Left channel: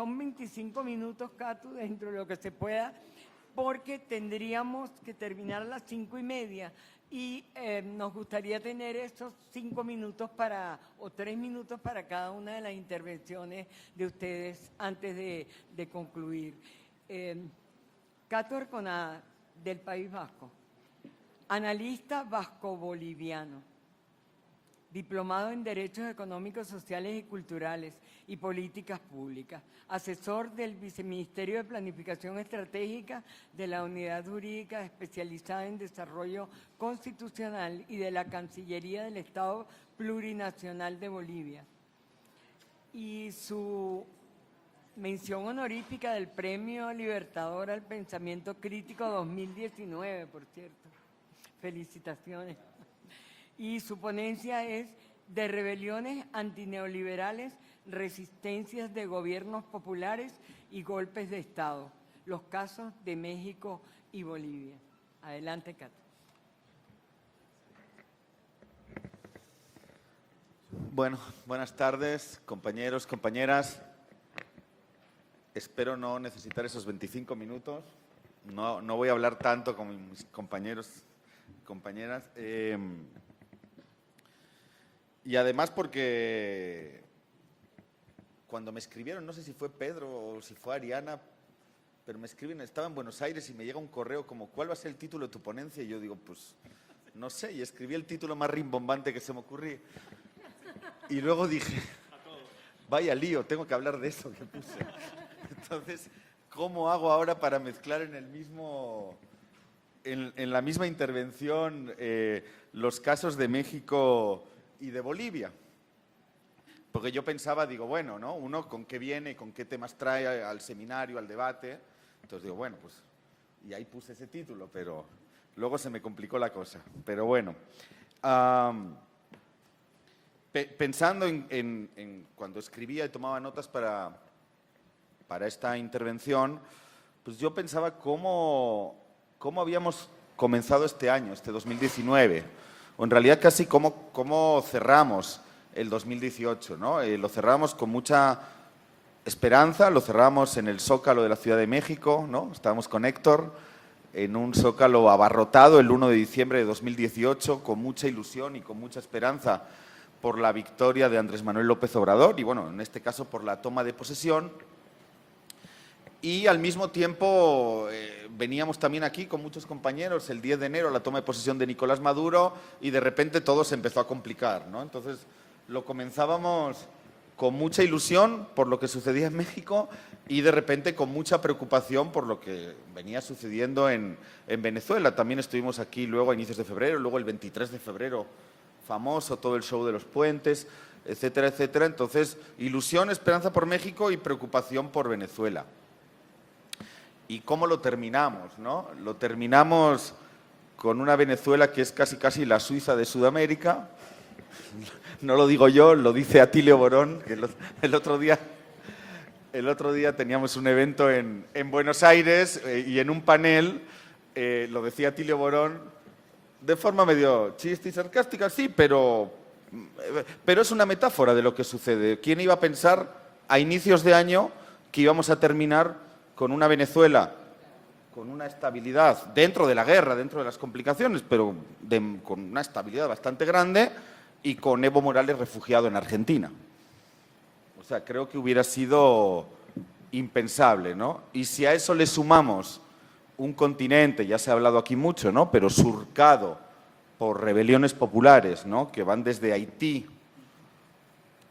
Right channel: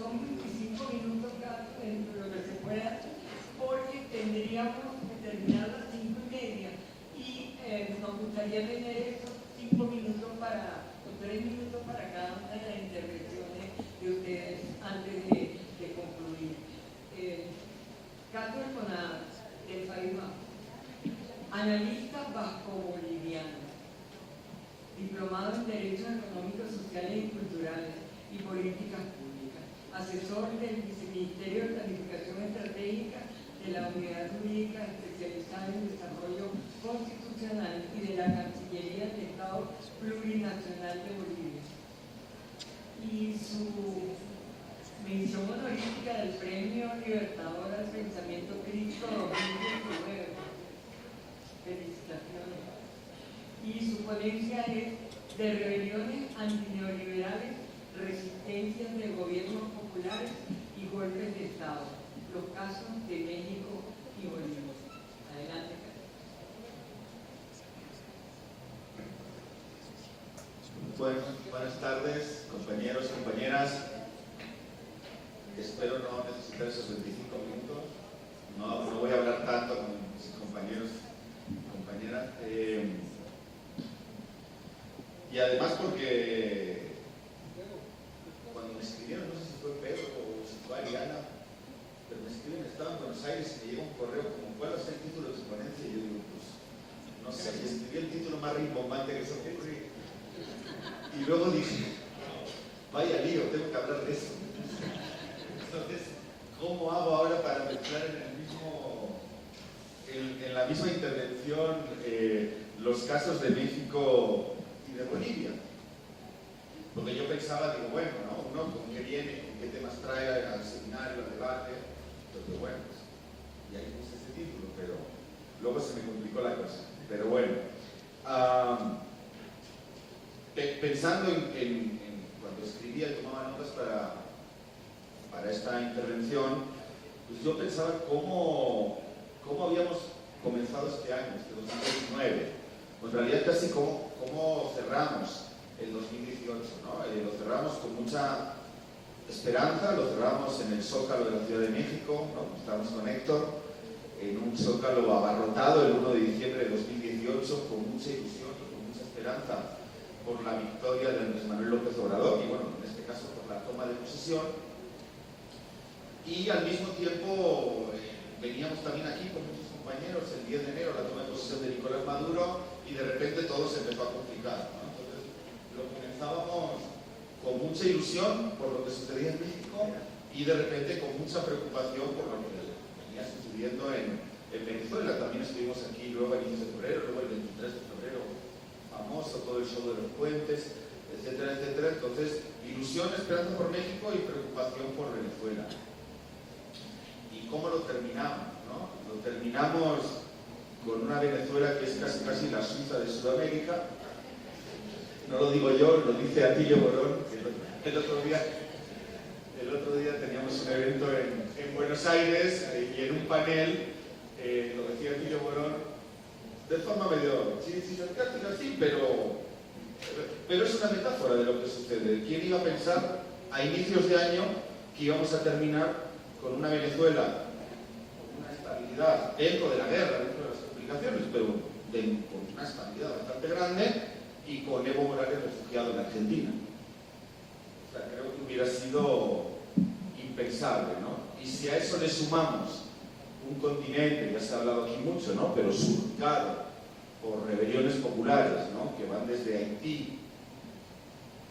son 25 minutos, Cato, dentro de lo que se pueda, porque tendríamos que terminar a las 5:30 y nos gustaría tener estos 5 minutos o 3 minutos para cada una de las intervenciones de ustedes antes de concluir. Cato Arconada, del País Vasco, analista vasco-boliviano, diplomado en Derechos Económicos, Sociales y Culturales y Políticas Públicas, asesor del Viceministerio de Planificación Estratégica de la Unidad Jurídica Especializada en Desarrollo Constitucional y de la Cancillería del Estado Plurinacional de Bolivia. Y su mención honorífica del Premio Libertador al Pensamiento Crítico 2019. Felicitaciones. Y su ponencia es de rebeliones antineoliberales, resistencias de gobiernos populares y golpes de Estado, los casos de México y Bolivia. Adelante, Carlos. Bueno, buenas tardes, compañeros, compañeras. Espero no necesitar esos 25 minutos. No voy a hablar tanto con mis compañeros y compañeras. Y además porque cuando me escribieron, no sé si fue Pedro o si fue Ariana, pero me escriben, estaba en Buenos Aires y me llega un correo como, ¿cuál va a ser el título de tu ponencia? Y yo digo, pues, no sé, y escribí el título más rimbombante que se me ocurrió. Y luego dije, vaya lío, tengo que hablar de eso. Entonces, ¿cómo hago ahora para mezclar en la misma intervención los casos de México y de Bolivia? Porque yo pensaba, digo, bueno, ¿no? Uno con qué viene, con qué temas trae al seminario, al debate. Entonces digo, bueno, pues, y ahí puse ese título, pero luego se me complicó la cosa. Pero bueno, pensando en cuando escribía y tomaba notas para esta intervención, pues yo pensaba cómo habíamos comenzado este año, este 2019, o en realidad casi cómo cerramos el 2018, ¿no? Lo cerramos con mucha esperanza, lo cerramos en el Zócalo de la Ciudad de México, ¿no? Estábamos con Héctor en un Zócalo abarrotado el 1 de diciembre de 2018, con mucha ilusión y con mucha esperanza por la victoria de Andrés Manuel López Obrador y, bueno, en este caso por la toma de posesión. Y al mismo tiempo veníamos también aquí con muchos compañeros el 10 de enero, la toma de posesión de Nicolás Maduro, y de repente todo se empezó a complicar, ¿no? Entonces lo comenzábamos con mucha ilusión por lo que sucedía en México y de repente con mucha preocupación por lo que venía sucediendo en Venezuela. También estuvimos aquí luego a inicios de febrero, luego el 23 de febrero, famoso todo el show de los puentes, etcétera, etcétera. Entonces, ilusión, esperanza por México y preocupación por Venezuela. ¿Y cómo lo terminamos, no? Lo terminamos con una Venezuela que es casi la Suiza de Sudamérica. No lo digo yo, lo dice Atilio Borón, que el otro día teníamos un evento en Buenos Aires y en un panel, lo decía Atilio Borón, de forma medio chiste y sarcástica, sí, pero es una metáfora de lo que sucede. ¿Quién iba a pensar a inicios de año que íbamos a terminar con una Venezuela con una estabilidad dentro de la guerra, dentro de las complicaciones, pero con una estabilidad bastante grande y con Evo Morales refugiado en Argentina? O sea, creo que hubiera sido impensable, ¿no? Y si a eso le sumamos un continente, ya se ha hablado aquí mucho, ¿no?, pero surcado por rebeliones populares, ¿no?, que van desde Haití,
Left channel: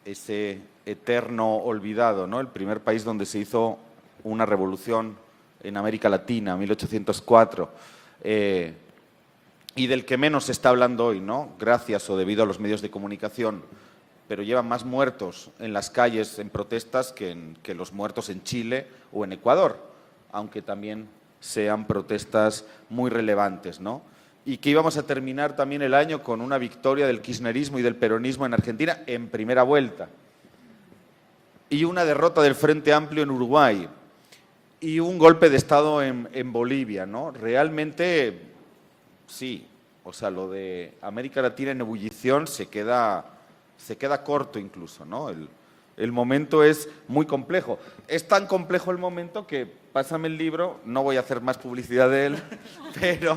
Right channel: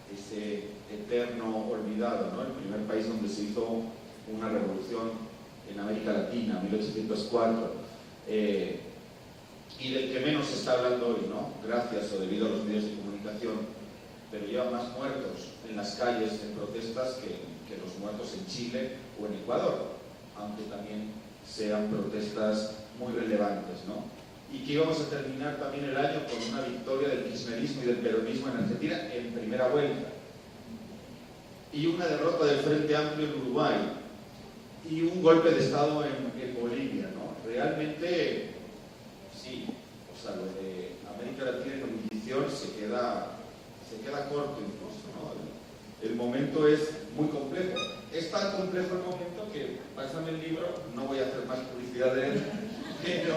ese eterno olvidado, ¿no?, el primer país donde se hizo una revolución en América Latina, 1804, y del que menos se está hablando hoy, ¿no?, gracias o debido a los medios de comunicación, pero llevan más muertos en las calles en protestas que los muertos en Chile o en Ecuador, aunque también sean protestas muy relevantes, ¿no? Y que íbamos a terminar también el año con una victoria del kirchnerismo y del peronismo en Argentina en primera vuelta, y una derrota del Frente Amplio en Uruguay, y un golpe de Estado en Bolivia, ¿no? Realmente, sí, o sea, lo de América Latina en ebullición se queda corto incluso, ¿no? El momento es muy complejo. Es tan complejo el momento que, pásame el libro, no voy a hacer más publicidad de él, pero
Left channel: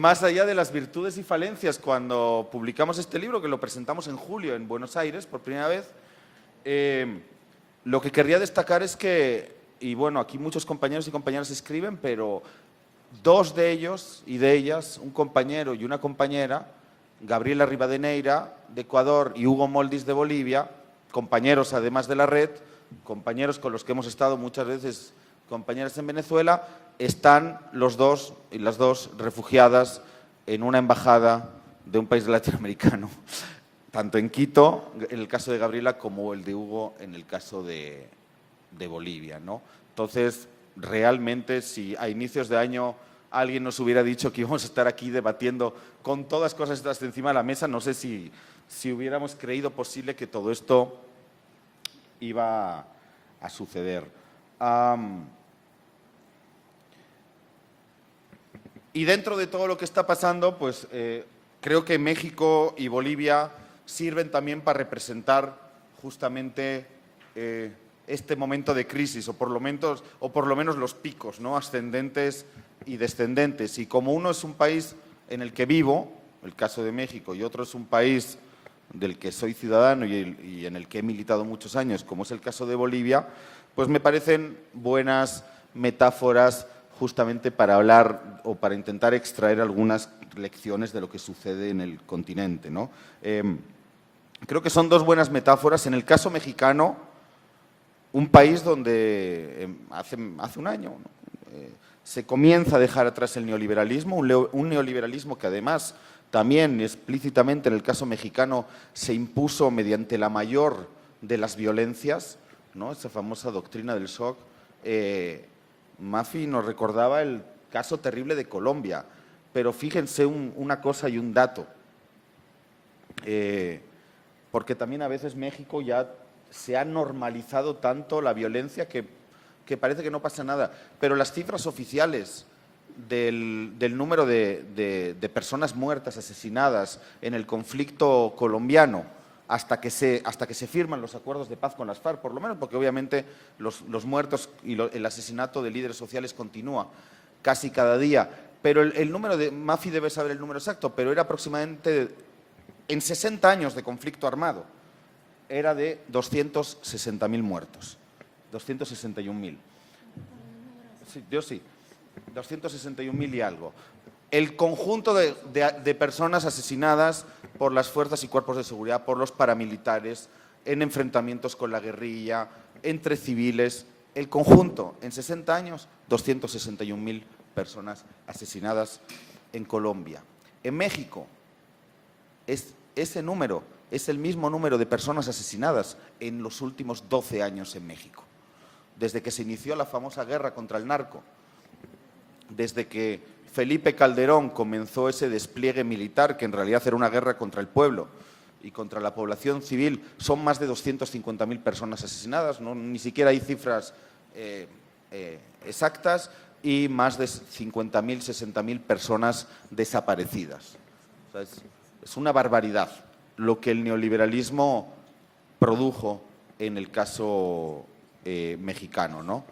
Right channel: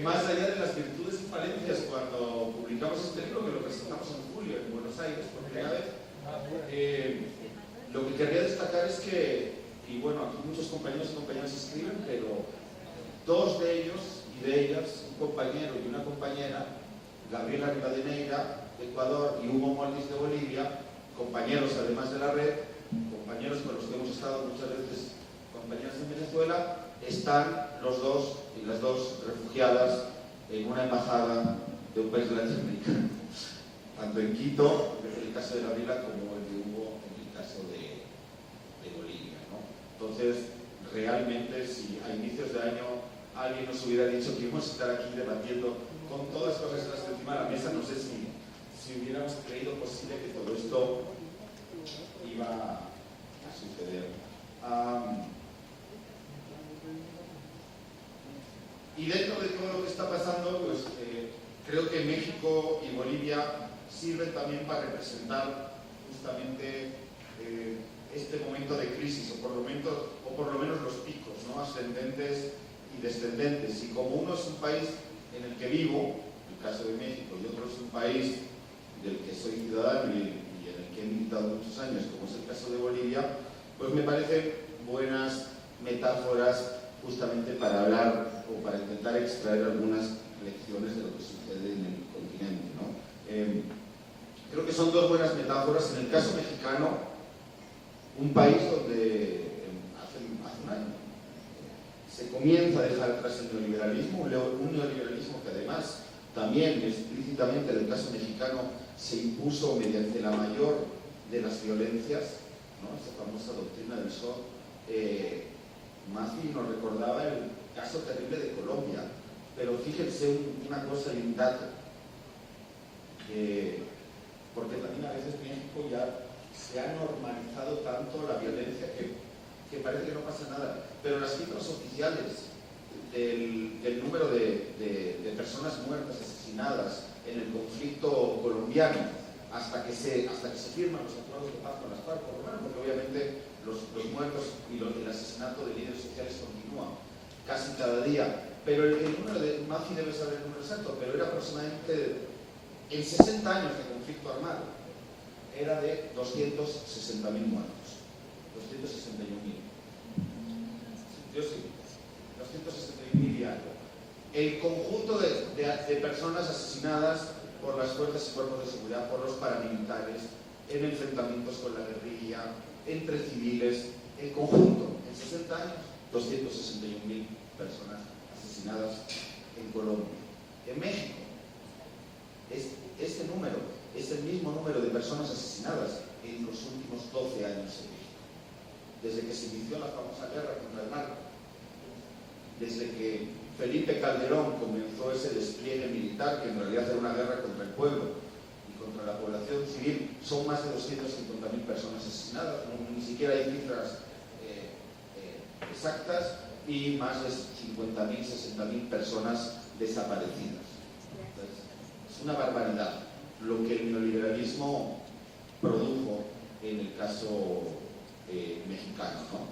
más allá de las virtudes y falencias, cuando publicamos este libro, que lo presentamos en julio en Buenos Aires por primera vez, lo que querría destacar es que, y bueno, aquí muchos compañeros y compañeras escriben, pero dos de ellos y de ellas, un compañero y una compañera, Gabriela Rivadeneira de Ecuador y Hugo Moldis de Bolivia, compañeros además de la red, compañeros con los que hemos estado muchas veces, compañeras en Venezuela, están los dos y las dos refugiadas en una embajada de un país latinoamericano, tanto en Quito, en el caso de Gabriela, como el de Hugo en el caso de Bolivia, ¿no? Entonces, realmente, si a inicios de año alguien nos hubiera dicho que íbamos a estar aquí debatiendo con todas cosas estas encima de la mesa, no sé si hubiéramos creído posible que todo esto iba a suceder. Y dentro de todo lo que está pasando, pues creo que México y Bolivia sirven también para representar justamente este momento de crisis, o por lo menos los picos, ¿no?, ascendentes y descendentes. Y como uno es un país en el que vivo, el caso de México, y otro es un país del que soy ciudadano y en el que he militado muchos años, como es el caso de Bolivia, pues me parecen buenas metáforas justamente para hablar o para intentar extraer algunas lecciones de lo que sucede en el continente, ¿no? Creo que son dos buenas metáforas. En el caso mexicano, un país donde hace un año se comienza a dejar atrás el neoliberalismo, un neoliberalismo que además también explícitamente en el caso mexicano se impuso mediante la mayor de las violencias, ¿no?, esa famosa doctrina del shock. Mafi nos recordaba el caso terrible de Colombia, pero fíjense una cosa y un dato, porque también a veces México ya se ha normalizado tanto la violencia que parece que no pasa nada, pero las cifras oficiales del número de personas muertas, asesinadas en el conflicto colombiano, hasta que se firman los acuerdos de paz con las FARC, por lo menos, porque obviamente los muertos y el asesinato de líderes sociales continúa casi cada día, pero el número de Mafi debe saber el número exacto, pero era aproximadamente, en 60 años de conflicto armado, era de 260.000 muertos, 261.000. Yo sí, 261.000 y algo. El conjunto de personas asesinadas por las fuerzas y cuerpos de seguridad, por los paramilitares, en enfrentamientos con la guerrilla, entre civiles, el conjunto, en 60 años, 261.000 personas asesinadas en Colombia. En México, ese número es el mismo número de personas asesinadas en los últimos 12 años en México. Desde que se inició la famosa guerra contra el narco, desde que Felipe Calderón comenzó ese despliegue militar, que en realidad era una guerra contra el pueblo y contra la población civil, son más de 250.000 personas asesinadas, ¿no? Ni siquiera hay cifras exactas, y más de 50.000, 60.000 personas desaparecidas. Entonces, es una barbaridad lo que el neoliberalismo produjo en el caso mexicano, ¿no?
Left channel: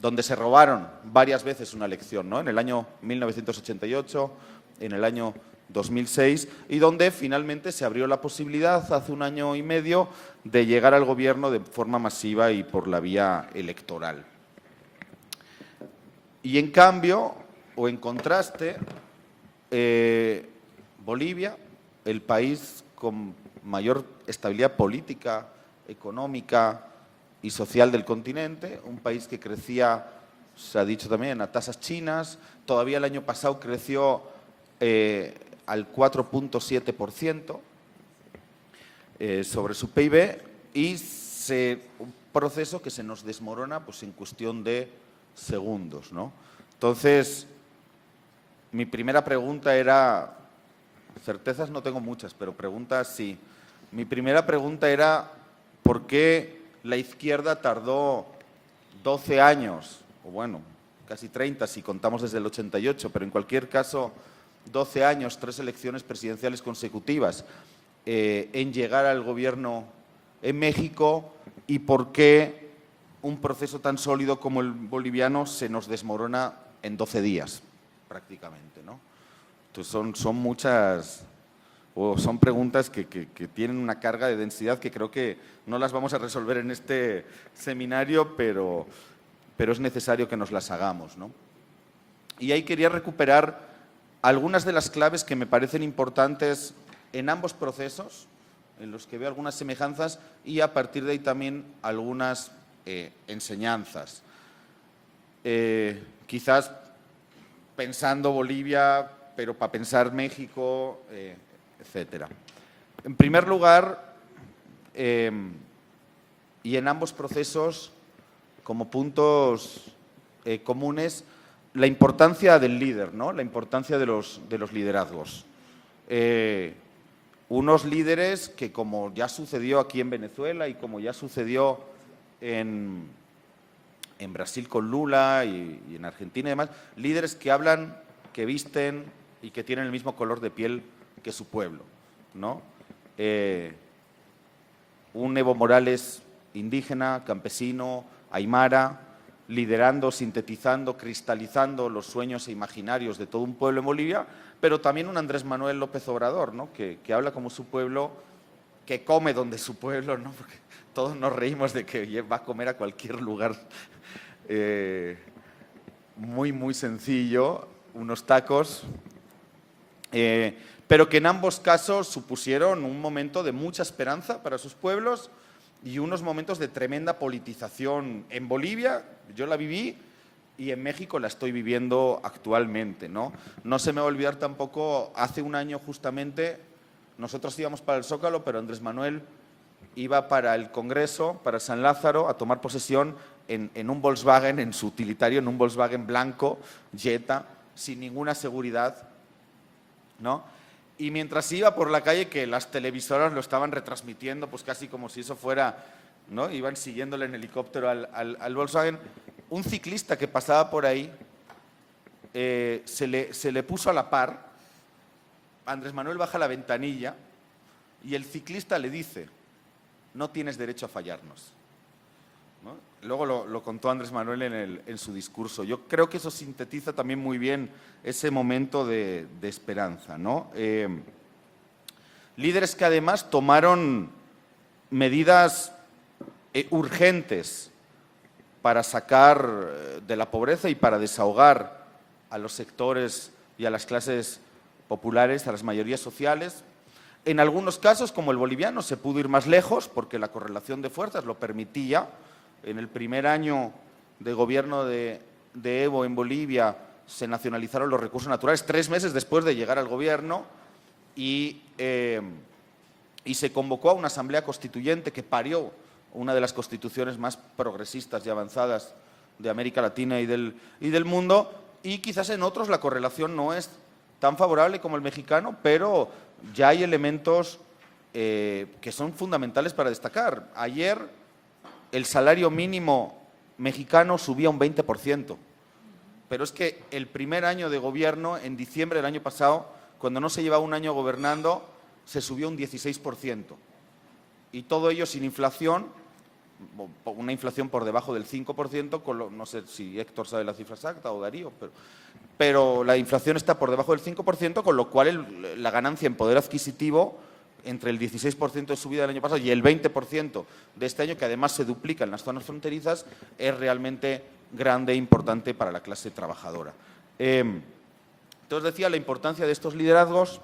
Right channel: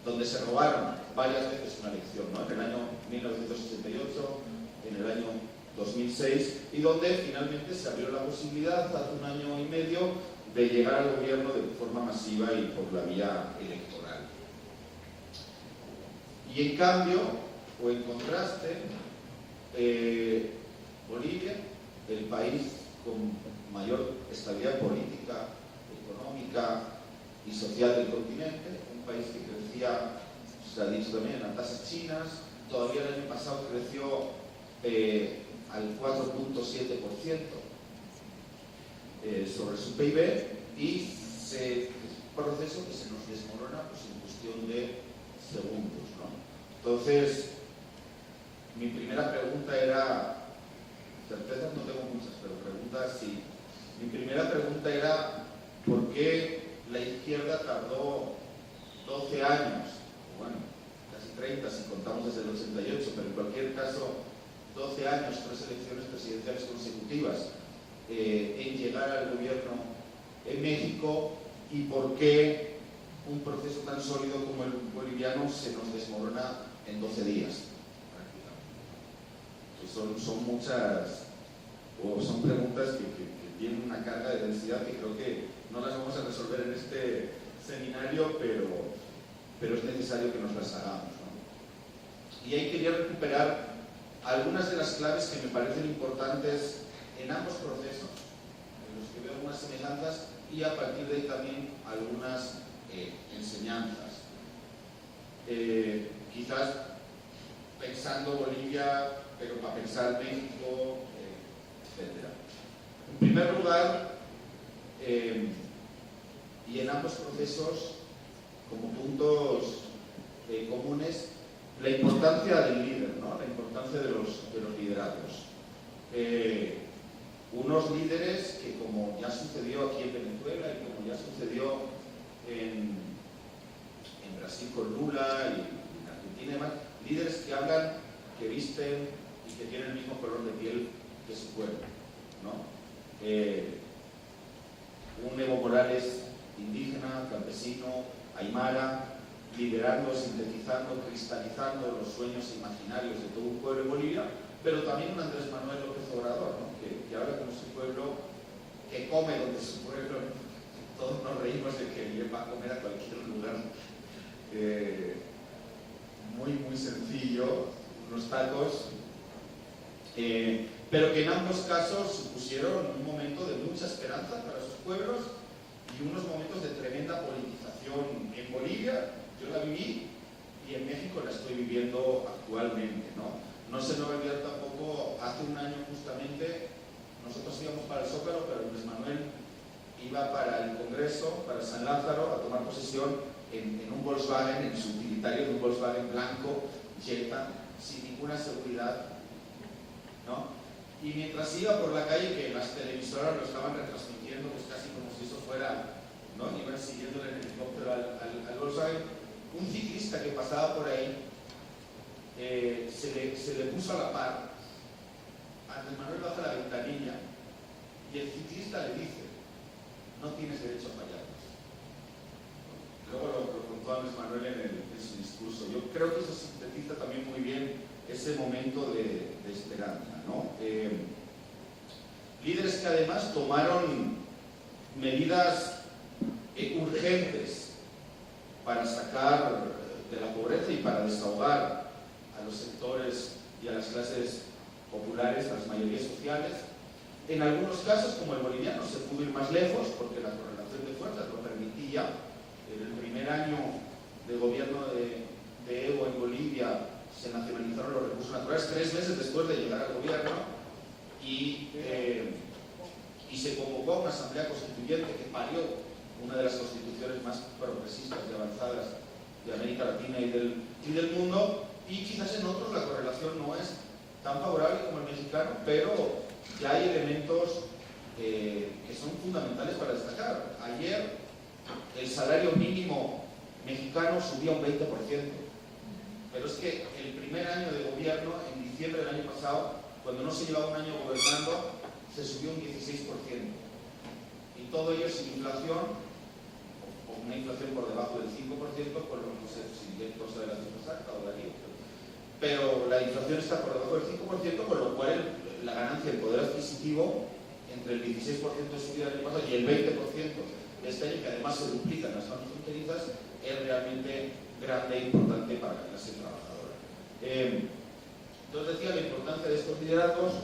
Donde se robaron varias veces una elección, ¿no?, en el año 1988, en el año 2006, y donde finalmente se abrió la posibilidad hace un año y medio de llegar al gobierno de forma masiva y por la vía electoral. Y en cambio, o en contraste, Bolivia, el país con mayor estabilidad política, económica y social del continente, un país que crecía, se ha dicho también, a tasas chinas. Todavía el año pasado creció al 4.7% sobre su PIB, y un proceso que se nos desmorona pues en cuestión de segundos, ¿no? Entonces, mi primera pregunta era, certezas no tengo muchas, pero preguntas sí. Mi primera pregunta era, ¿por qué la izquierda tardó 12 años, o bueno, casi 30 si contamos desde el 88, pero en cualquier caso 12 años, 3 elecciones presidenciales consecutivas, en llegar al gobierno en México y por qué un proceso tan sólido como el boliviano se nos desmorona en 12 días, prácticamente, ¿no? Entonces son muchas, o son preguntas que tienen una carga de densidad que creo que no las vamos a resolver en este seminario, pero es necesario que nos las hagamos, ¿no? Y ahí quería recuperar algunas de las claves que me parecen importantes en ambos procesos, en los que veo algunas semejanzas y a partir de ahí también algunas enseñanzas. Quizás pensando Bolivia, pero para pensar México, etcétera. En primer lugar, y en ambos procesos, como puntos comunes, la importancia del líder, ¿no? La importancia de los liderazgos. Unos líderes que, como ya sucedió aquí en Venezuela y como ya sucedió en Brasil con Lula y en Argentina y demás, líderes que hablan, que visten y que tienen el mismo color de piel que su pueblo, ¿no? Un Evo Morales indígena, campesino, aymara, liderando, sintetizando, cristalizando los sueños e imaginarios de todo un pueblo en Bolivia, pero también un Andrés Manuel López Obrador, ¿no? que habla como su pueblo, que come donde su pueblo, ¿no? Porque todos nos reímos de que va a comer a cualquier lugar muy, muy sencillo, unos tacos, pero que en ambos casos supusieron un momento de mucha esperanza para sus pueblos y unos momentos de tremenda politización en Bolivia. Yo la viví y en México la estoy viviendo actualmente, ¿no? No se me va a olvidar tampoco, hace un año justamente, nosotros íbamos para el Zócalo, pero Andrés Manuel iba para el Congreso, para San Lázaro, a tomar posesión en un Volkswagen, en su utilitario, en un Volkswagen blanco, Jetta, sin ninguna seguridad, ¿no? Y mientras iba por la calle, que las televisoras lo estaban retransmitiendo, pues casi como si eso fuera, ¿no? Iban siguiéndole en helicóptero al Volkswagen. Un ciclista que pasaba por ahí se le puso a la par. Andrés Manuel baja la ventanilla y el ciclista le dice: no tienes derecho a fallarnos, ¿no? Luego lo contó Andrés Manuel en su discurso. Yo creo que eso sintetiza también muy bien ese momento de esperanza, ¿no? Líderes que además tomaron medidas urgentes para sacar de la pobreza y para desahogar a los sectores y a las clases populares, a las mayorías sociales. En algunos casos, como el boliviano, se pudo ir más lejos porque la correlación de fuerzas lo permitía. En el primer año de gobierno de Evo en Bolivia se nacionalizaron los recursos naturales 3 meses después de llegar al gobierno y se convocó a una asamblea constituyente que parió una de las constituciones más progresistas y avanzadas de América Latina y del mundo, y quizás en otros la correlación no es tan favorable como el mexicano, pero ya hay elementos que son fundamentales para destacar. Ayer el salario mínimo mexicano subía un 20%, pero es que el primer año de gobierno, en diciembre del año pasado, cuando no se llevaba un año gobernando, se subió un 16%. Y todo ello sin inflación, una inflación por debajo del 5%, no sé si Héctor sabe la cifra exacta o Darío, pero la inflación está por debajo del 5%, con lo cual la ganancia en poder adquisitivo, entre el 16% de subida del año pasado y el 20% de este año, que además se duplica en las zonas fronterizas, es realmente grande e importante para la clase trabajadora. Entonces decía la importancia de estos liderazgos.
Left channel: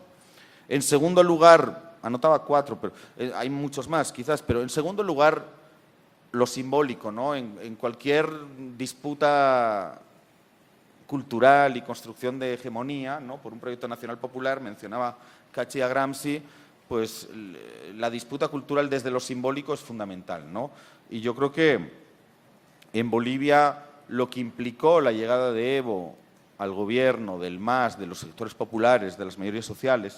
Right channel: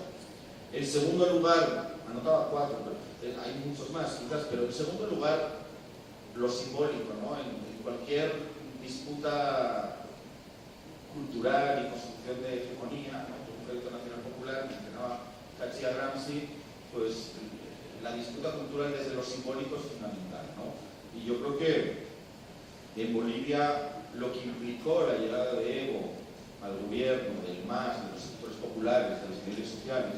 En segundo lugar, anotaba 4, pero hay muchos más quizás, pero en segundo lugar, lo simbólico, ¿no? En cualquier disputa cultural y construcción de hegemonía, ¿no? Por un proyecto nacional popular, mencionaba Cachi a Gramsci, pues la disputa cultural desde lo simbólico es fundamental, ¿no? Y yo creo que en Bolivia lo que implicó la llegada de Evo al gobierno, del MAS, de los sectores populares, de las mayorías sociales,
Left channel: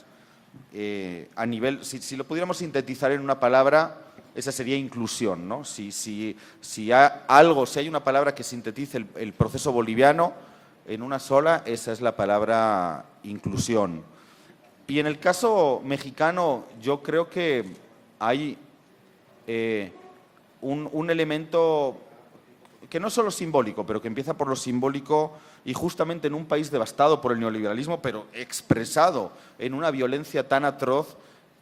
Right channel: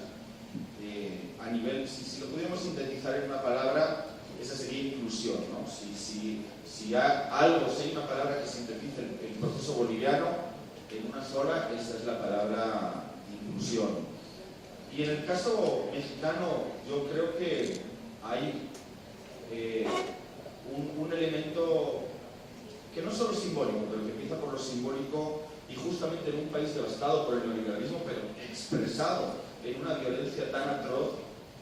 a nivel, si lo pudiéramos sintetizar en una palabra, esa sería inclusión, ¿no? Si hay una palabra que sintetice el proceso boliviano en una sola, esa es la palabra inclusión. Y en el caso mexicano, yo creo que hay un elemento que no solo simbólico, pero que empieza por lo simbólico y justamente en un país devastado por el neoliberalismo, pero expresado en una violencia tan atroz,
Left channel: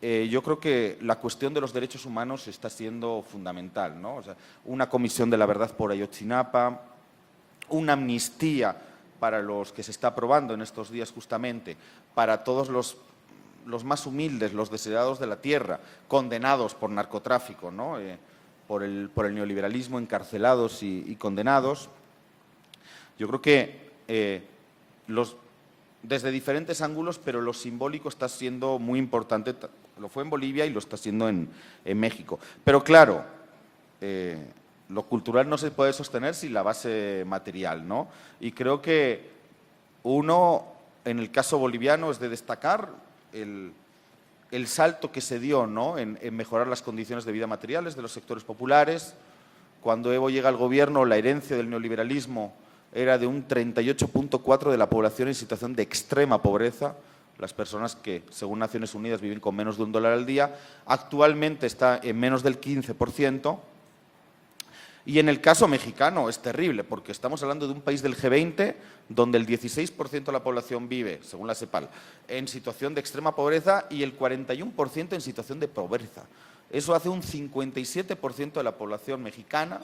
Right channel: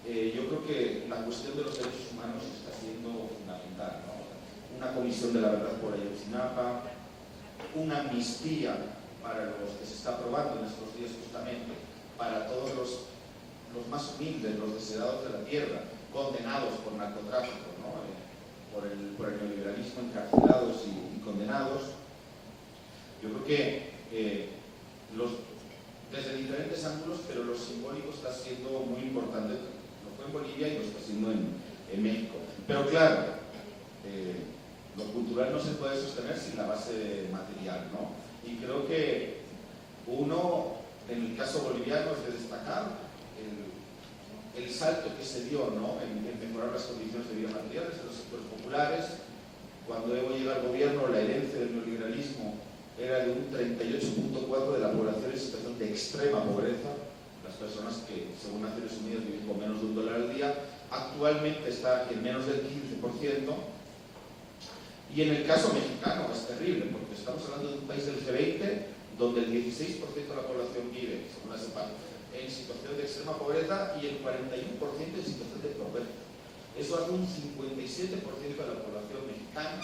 yo creo que la cuestión de los derechos humanos está siendo fundamental, ¿no? O sea, una comisión de la verdad por Ayotzinapa, una amnistía para los que se está aprobando en estos días justamente, para todos los más humildes, los desheredados de la tierra, condenados por narcotráfico, ¿no? Por el neoliberalismo, encarcelados y condenados. Yo creo que desde diferentes ángulos, pero lo simbólico está siendo muy importante, lo fue en Bolivia y lo está siendo en México. Pero claro, lo cultural no se puede sostener sin la base material, ¿no? Y creo que uno, en el caso boliviano, es de destacar el salto que se dio, ¿no? en mejorar las condiciones de vida materiales de los sectores populares. Cuando Evo llega al gobierno, la herencia del neoliberalismo era de un 38.4% de la población en situación de extrema pobreza, las personas que, según Naciones Unidas, viven con menos de $1 al día. Actualmente está en menos del 15%. Y en el caso mexicano es terrible, porque estamos hablando de un país del G20 donde el 16% de la población vive, según la CEPAL, en situación de extrema pobreza y el 41% en situación de pobreza. Eso hace un 57% de la población mexicana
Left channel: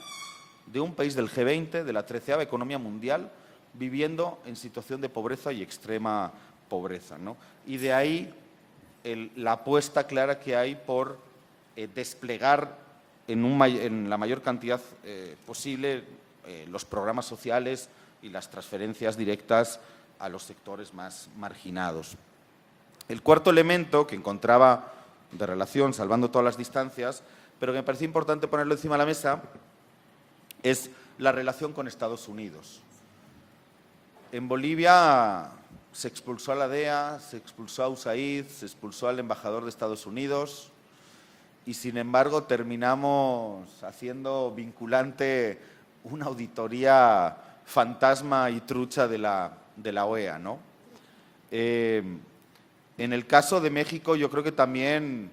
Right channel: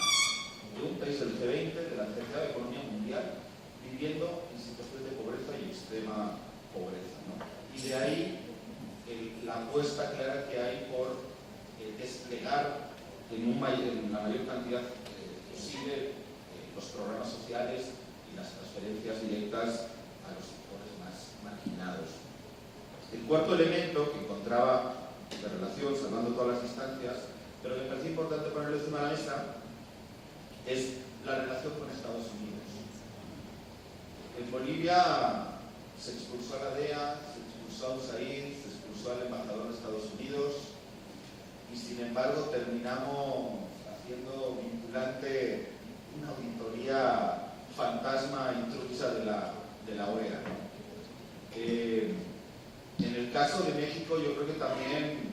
de un país del G20, de la 13ª economía mundial, viviendo en situación de pobreza y extrema pobreza, ¿no? Y de ahí la apuesta clara que hay por desplegar en la mayor cantidad posible los programas sociales y las transferencias directas a los sectores más marginados. El cuarto elemento que encontraba de relación, salvando todas las distancias, pero que me parece importante ponerlo encima de la mesa, es la relación con Estados Unidos. En Bolivia se expulsó a la DEA, se expulsó a USAID, se expulsó al embajador de Estados Unidos y sin embargo terminamos haciendo vinculante una auditoría fantasma y trucha de la OEA, ¿no? En el caso de México yo creo que también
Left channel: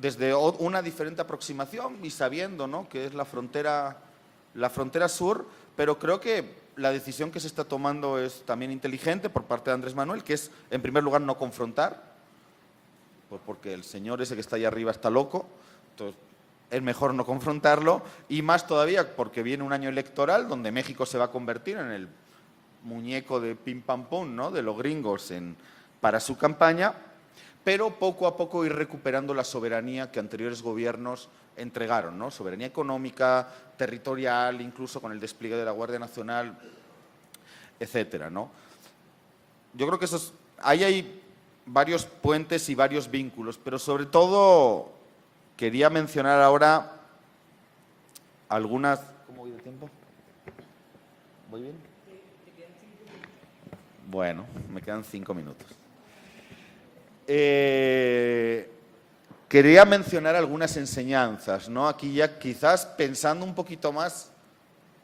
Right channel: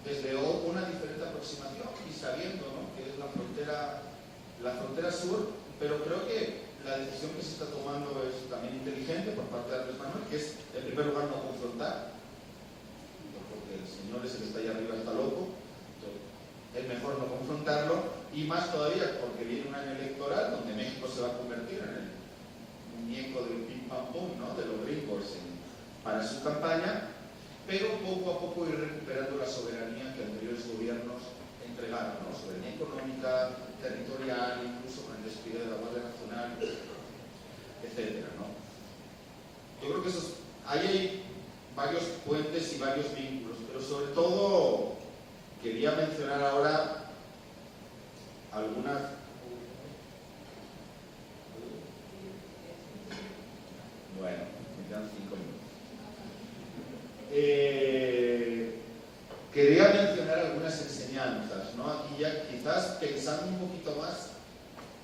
desde una diferente aproximación y sabiendo, ¿no?, que es la frontera sur, pero creo que la decisión que se está tomando es también inteligente por parte de Andrés Manuel, que es, en primer lugar, no confrontar, porque el señor ese que está allá arriba está loco, entonces es mejor no confrontarlo, y más todavía porque viene un año electoral donde México se va a convertir en el muñeco de pim pam pum, ¿no?, de los gringos para su campaña, pero poco a poco ir recuperando la soberanía que anteriores gobiernos entregaron, ¿no? Soberanía económica, territorial, incluso con el despliegue de la Guardia Nacional, etcétera, ¿no? Yo creo que ahí hay varios puentes y varios vínculos, pero sobre todo quería mencionar ahora algunas... ¿Cómo voy el tiempo? ¿Muy bien? Bueno, me quedan 5 minutos. Quería mencionar algunas enseñanzas, ¿no? Aquí ya quizás pensando un poquito más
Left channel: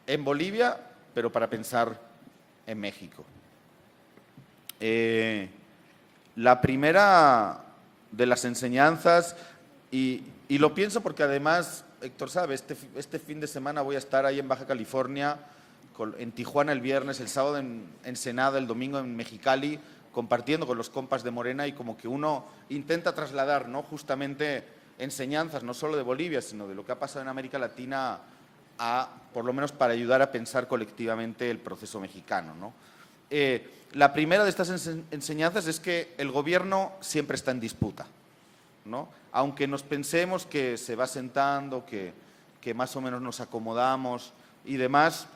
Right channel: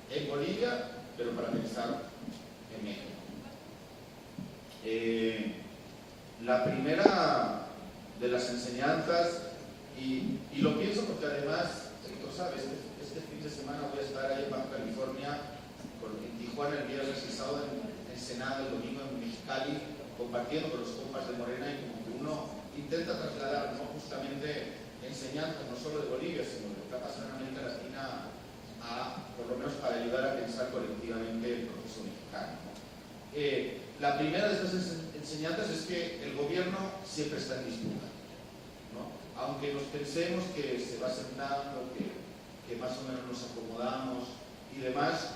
en Bolivia, pero para pensar en México. La primera de las enseñanzas, y lo pienso porque además, Héctor sabe, este fin de semana voy a estar ahí en Baja California, en Tijuana el viernes, el sábado en Ensenada, el domingo en Mexicali, compartiendo con los compas de Morena, y como que uno intenta trasladar, ¿no?, justamente enseñanzas no solo de Bolivia, sino de lo que ha pasado en América Latina, por lo menos para ayudar a pensar colectivamente el proceso mexicano, ¿no? La primera de estas enseñanzas es que el gobierno siempre está en disputa, ¿no? Aunque nos pensemos que se va sentando, que más o menos nos acomodamos y demás,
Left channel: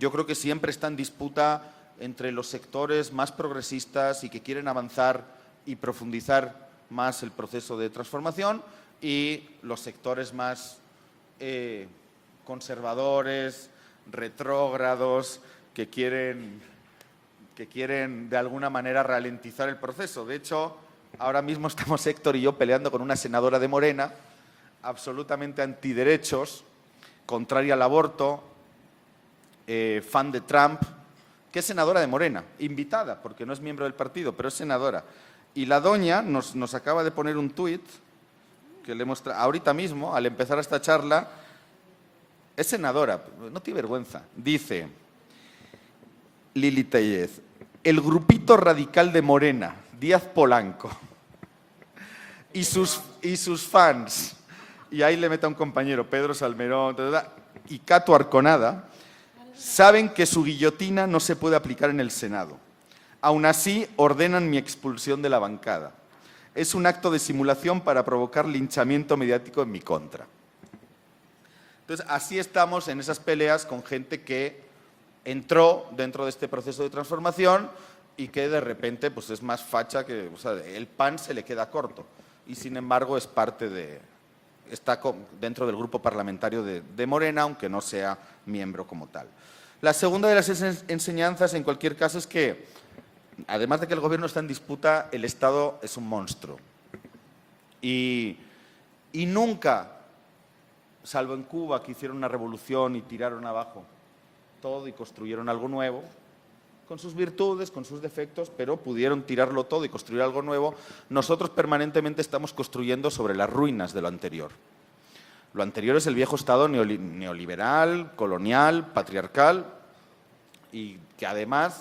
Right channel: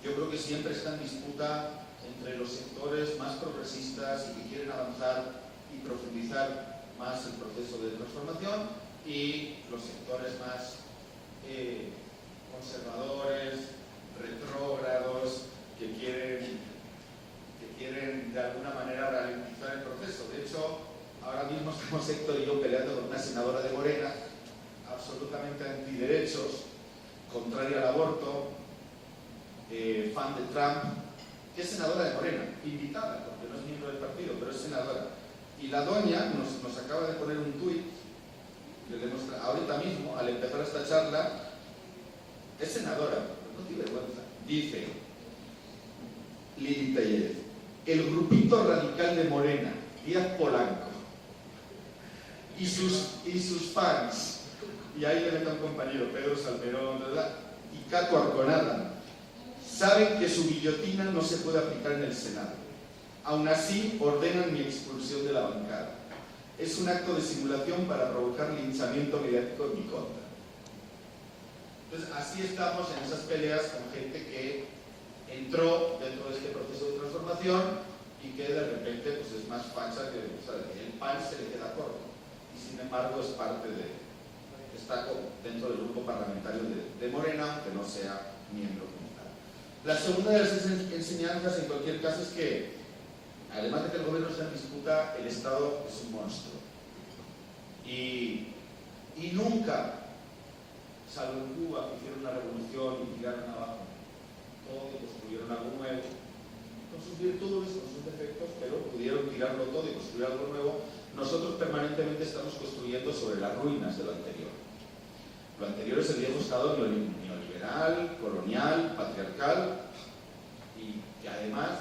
yo creo que siempre está en disputa entre los sectores más progresistas y que quieren avanzar y profundizar más el proceso de transformación, y los sectores más conservadores, retrógrados, que quieren de alguna manera ralentizar el proceso. De hecho, ahora mismo estamos Héctor y yo peleando con una senadora de Morena, absolutamente antiderechos, contraria al aborto, fan de Trump, que es senadora de Morena, invitada, porque no es miembro del partido, pero es senadora. Y la doña nos acaba de poner un tuit que le muestra ahorita mismo, al empezar esta charla. Es senadora, no tiene vergüenza. Dice Lili Tellez: el grupito radical de Morena, Díaz Polanco, y sus fans, y ahí le mete a un compañero, Pedro Salmerón, y Cato Arconada, saben que su guillotina no se puede aplicar en el Senado. Aún así, ordenan mi expulsión de la bancada. Es un acto de simulación para provocar linchamiento mediático en mi contra. Entonces, así estamos en esas peleas con gente que entró dentro de este proceso de transformación y que de repente pues, es más facha que, o sea, el pan se le queda corto. Y sin embargo es parte está dentro del grupo parlamentario de Morena, aunque no sea miembro como tal. La segunda de las enseñanzas, en cualquier caso, es que, además de que el gobierno está en disputa, el Estado es un monstruo. Y nunca, salvo en Cuba, que hicieron una revolución y tiraron abajo todo y construyeron algo nuevo, con sus virtudes, con sus defectos, pero pudieron tirarlo todo y construir algo nuevo. Nosotros permanentemente estamos construyendo sobre las ruinas de lo anterior. Lo anterior es el viejo Estado neoliberal, colonial, patriarcal, y que además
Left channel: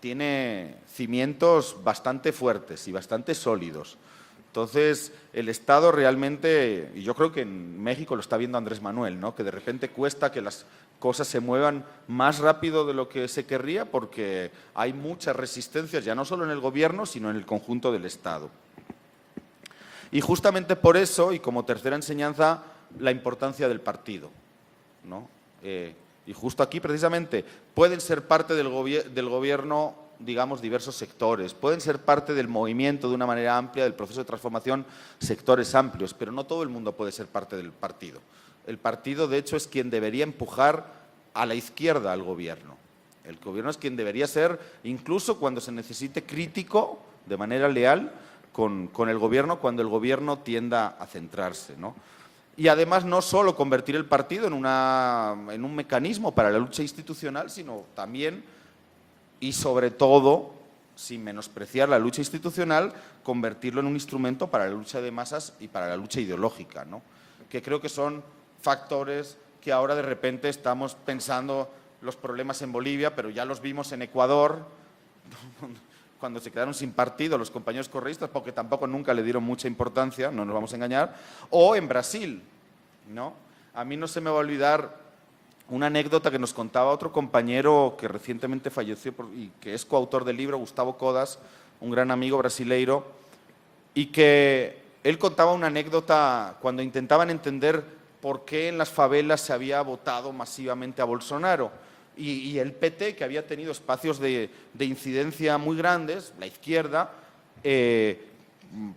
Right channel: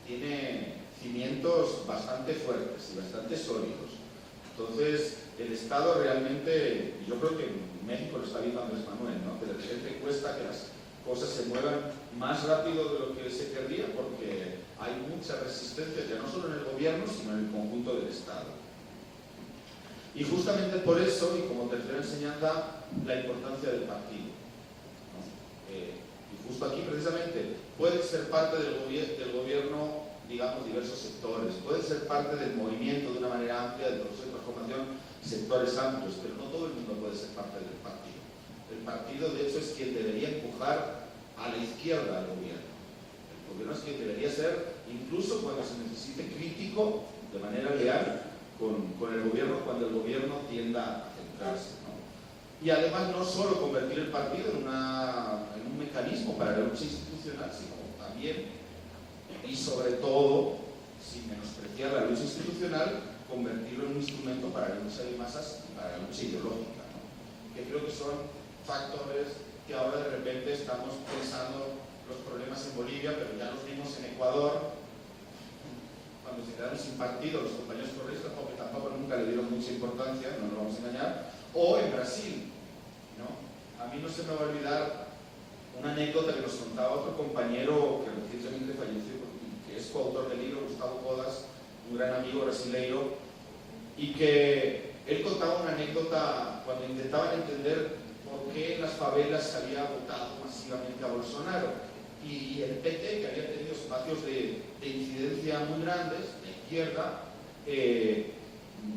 tiene cimientos bastante fuertes y bastante sólidos. Entonces, el Estado realmente, y yo creo que en México lo está viendo Andrés Manuel, ¿no? Que de repente cuesta que las cosas se muevan más rápido de lo que se querría porque hay muchas resistencias, ya no solo en el gobierno, sino en el conjunto del Estado. Y justamente por eso, y como tercera enseñanza, la importancia del partido, ¿no? Y justo aquí, precisamente, pueden ser parte del gobierno, digamos, diversos sectores, pueden ser parte del movimiento de una manera amplia, del proceso de transformación, sectores amplios, pero no todo el mundo puede ser parte del partido. El partido, de hecho, es quien debería empujar a la izquierda al gobierno. El gobierno es quien debería ser, incluso cuando se necesite, crítico, de manera leal, con el gobierno, cuando el gobierno tienda a centrarse, ¿no? Y además no solo convertir el partido en un mecanismo para la lucha institucional, sino también, y sobre todo, sin menospreciar la lucha institucional, convertirlo en un instrumento para la lucha de masas y para la lucha ideológica, ¿no? Que creo que son factores que ahora de repente estamos pensando los problemas en Bolivia, pero ya los vimos en Ecuador, cuando se quedaron sin partido los compañeros correístas, porque tampoco nunca le dieron mucha importancia, no nos vamos a engañar, o en Brasil, ¿no? A mí no se me va a olvidar una anécdota que nos contaba otro compañero que recientemente falleció y que es coautor del libro, Gustavo Codas, un gran amigo brasileiro, y que él contaba una anécdota cuando intentaban entender por qué en las favelas se había votado masivamente a Bolsonaro. Y el PT, que había tenido espacios de incidencia muy grandes, la izquierda,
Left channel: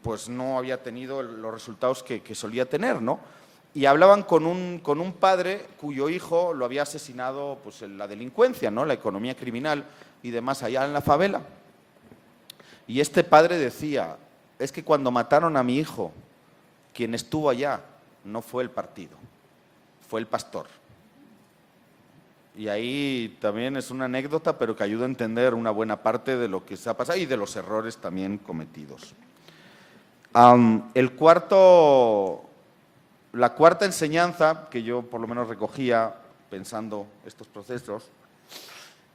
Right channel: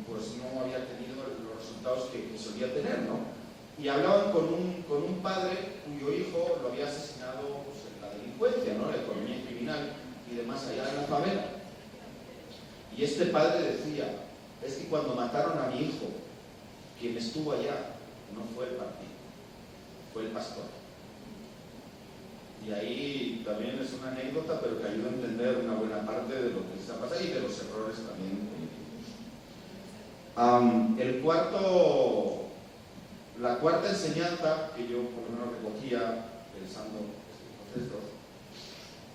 pues no había tenido los resultados que solía tener, ¿no? Y hablaban con un padre cuyo hijo lo había asesinado pues, en la delincuencia, ¿no? La economía criminal y demás allá en la favela. Y este padre decía, es que cuando mataron a mi hijo, quien estuvo allá no fue el partido, fue el pastor. Y ahí también es una anécdota, pero que ayuda a entender una buena parte de lo que se ha pasado y de los errores también cometidos. La cuarta enseñanza que yo por lo menos recogía pensando estos procesos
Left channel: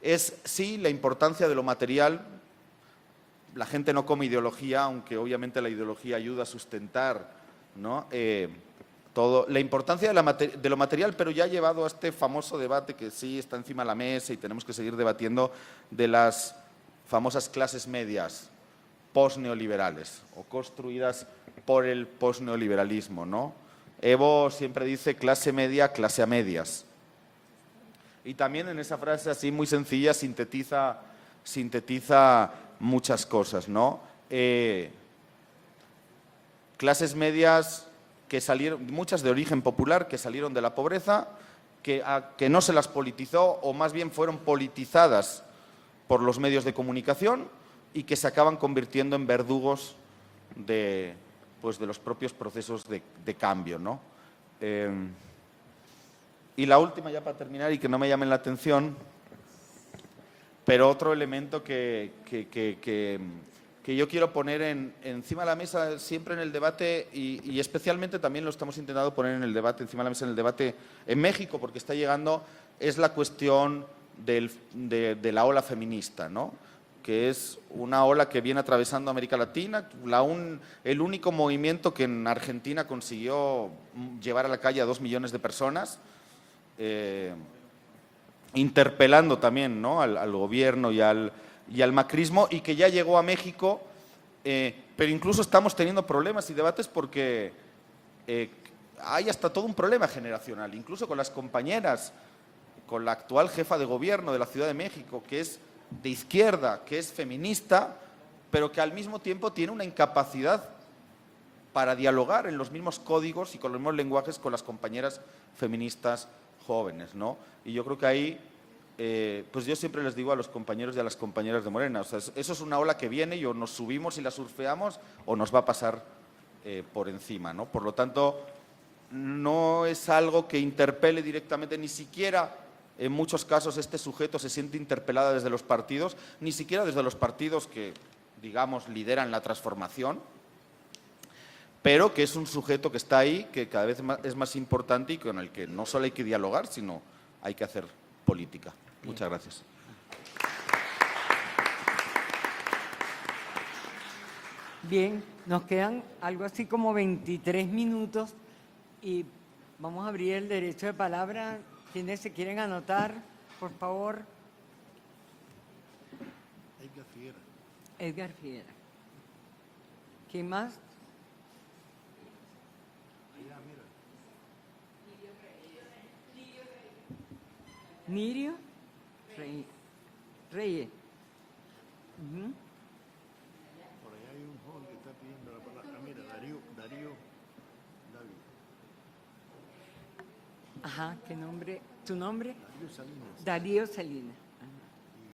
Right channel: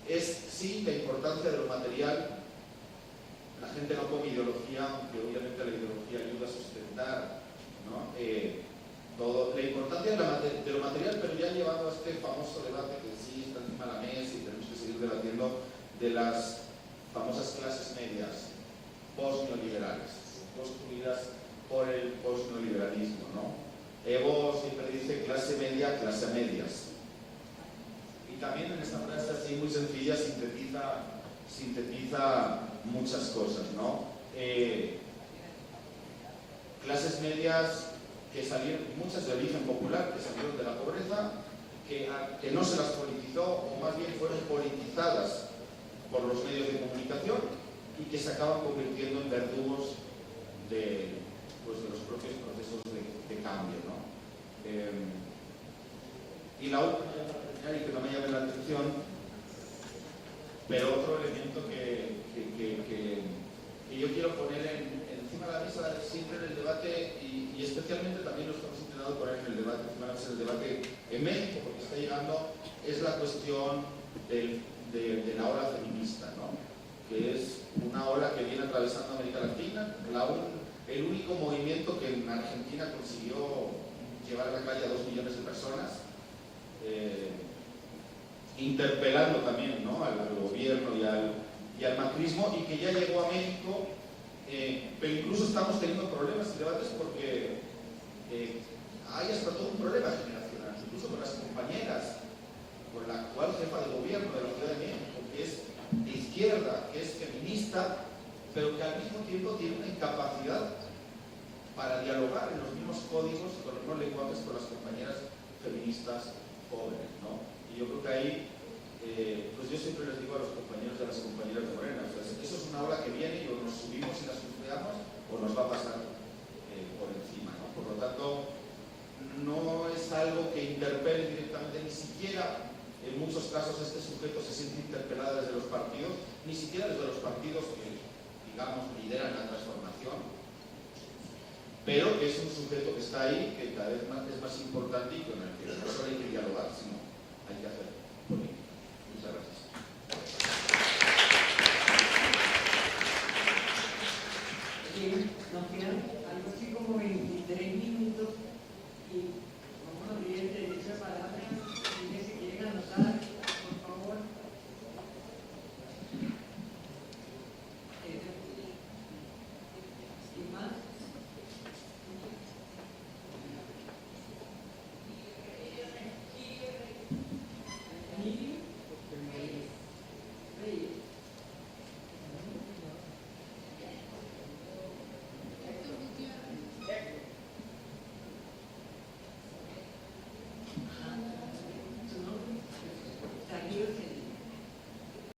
es, sí, la importancia de lo material. La gente no come ideología, aunque obviamente la ideología ayuda a sustentar, ¿no? La importancia de lo material, pero ya ha llevado a este famoso debate que sí está encima de la mesa y tenemos que seguir debatiendo de las famosas clases medias post-neoliberales o construidas por el post-neoliberalismo, ¿no? Evo siempre dice clase media, clase a medias. Y también en esa frase así muy sencilla sintetiza muchas cosas, ¿no? Clases medias que salieron, muchas de origen popular, que salieron de la pobreza, que no se las politizó, o más bien fueron politizadas por los medios de comunicación y que se acaban convirtiendo en verdugos de los propios procesos de cambio, ¿no? Y la última, ya para terminar, y que no me llamen la atención, pero otro elemento que que yo quiero poner encima de la mesa siempre en el debate y especialmente también lo estamos intentando poner en el debate, encima de la mesa en el debate en México, porque está llegando, es la cuestión de la ola feminista, ¿no? Que es una ola que viene atravesando América Latina, el único movimiento que en Argentina consiguió llevar a la calle a 2 millones de personas, interpelando también, ¿no?, al gobierno y al macrismo, y que ya llegó a México, pero incluso estamos teniendo problemas y debates porque hay hasta todo un problema generacional, incluso con las compañeras, con la actual jefa de gobierno de la Ciudad de México, que es de izquierda, que es feminista, pero que al mismo tiempo tiene una incapacidad para dialogar en los mismos códigos y con los mismos lenguajes con las compañeras feministas jóvenes, ¿no? Y yo creo que ahí, pues yo siempre les digo a los compañeros y a las compañeras de Morena, o sea, eso es una ola que viene y o nos subimos y la surfeamos o nos va a pasar por encima, ¿no? Por lo tanto, no es algo que interpele directamente, ni siquiera en muchos casos este sujeto se siente interpelada desde los partidos, ni siquiera desde los partidos que, digamos, lideran la transformación, pero que es un sujeto que está ahí, que cada vez es más importante y con el que no solo hay que dialogar, sino hay que hacer política. Muchas gracias. Bien, nos quedan algo así como 23 minutos y vamos a abrir el derecho de palabra. ¿Quiénes se quieren anotar? Por favor. Edgar Figuera. ¿Quién más? Miriam Reyes. Ajá, ¿qué nombre? ¿Tu nombre? Darío Salinas.